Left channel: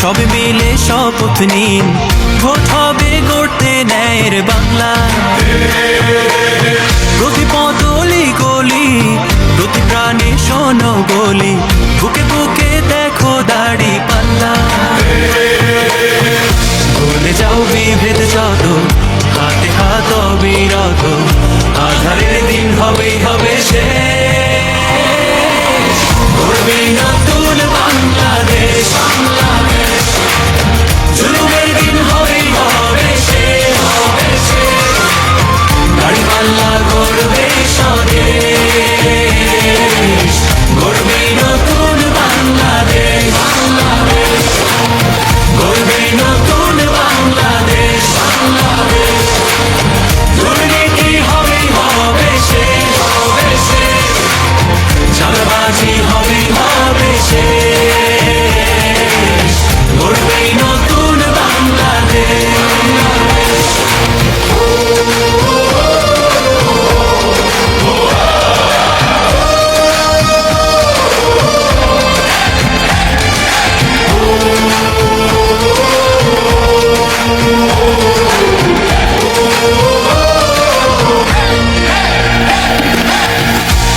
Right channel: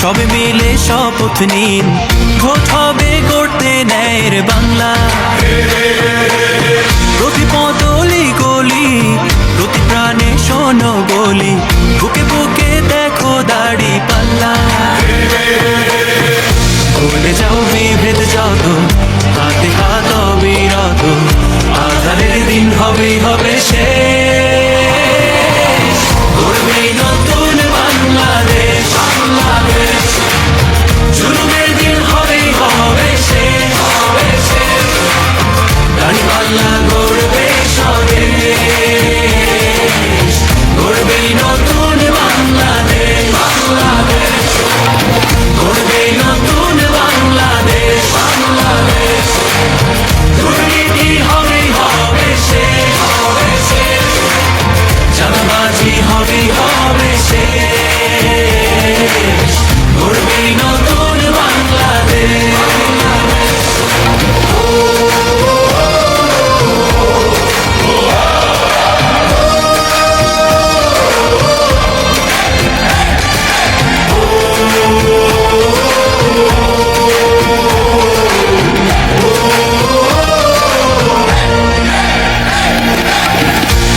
সবে মিলে শপথ নিন, ভোট হবে গড়তে ন্যায়ের বাংলা। প্রতি পতলি গলি, প্রতি প্রাণে শোনো বলি, বুকে বুকে দেখো দাড়ি পাল্লা। ভুলে যাও বিভেদ যত, হাতে হাত অবিরত, আধারের দিন হবেই হবে শেষ। গড়বে নতুন বাংলাদেশ, জুলুমের দিন হবেই হবে শেষ। দাড়ি পাল্লা গড়বে স্বদেশ, গড়বে নতুন বাংলাদেশ, গড়বে নতুন বাংলাদেশ। দুর্নীতি হবেই হবে শেষ, চাঁদাবাজি হবেই হবে শেষ। গড়বে নতুন বাংলাদেশ।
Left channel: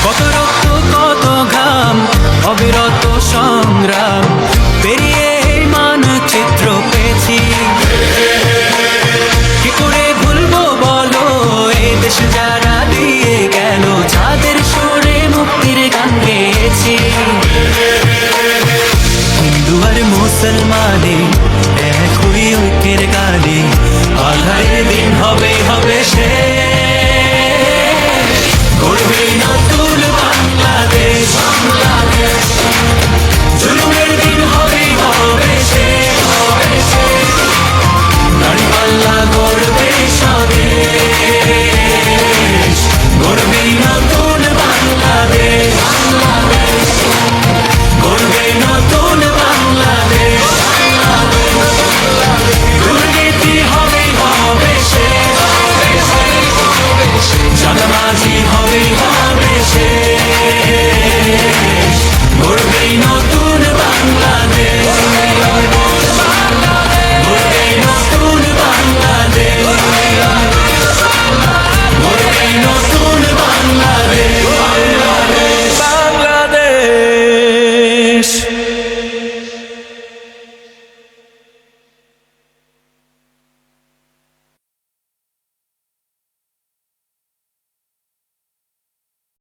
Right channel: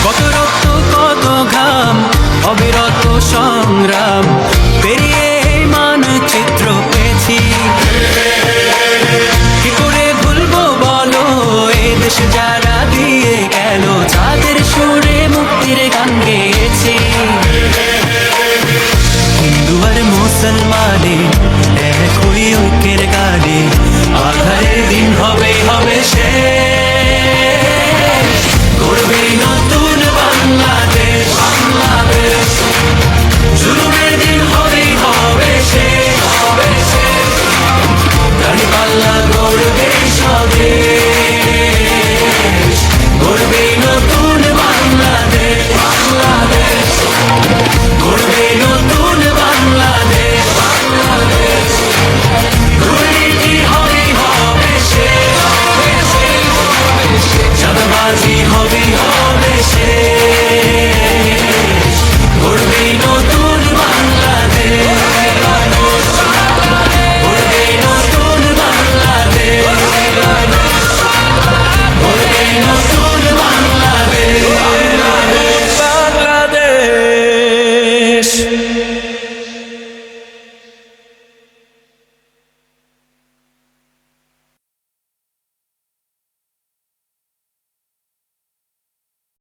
কত রক্ত কত ঘাম, অবিরত সংগ্রাম পেরিয়ে এই মানচিত্র পেয়েছি। কি করে ভুলবো বলো এ দেশ যারা দিয়ে গেল, যাদের সুরে মুক্তির গান গেয়েছি। হিন্দু আর মুসলমানে এক হই ঐক্যের গানে, আধারের দিন হবে হবে শেষ।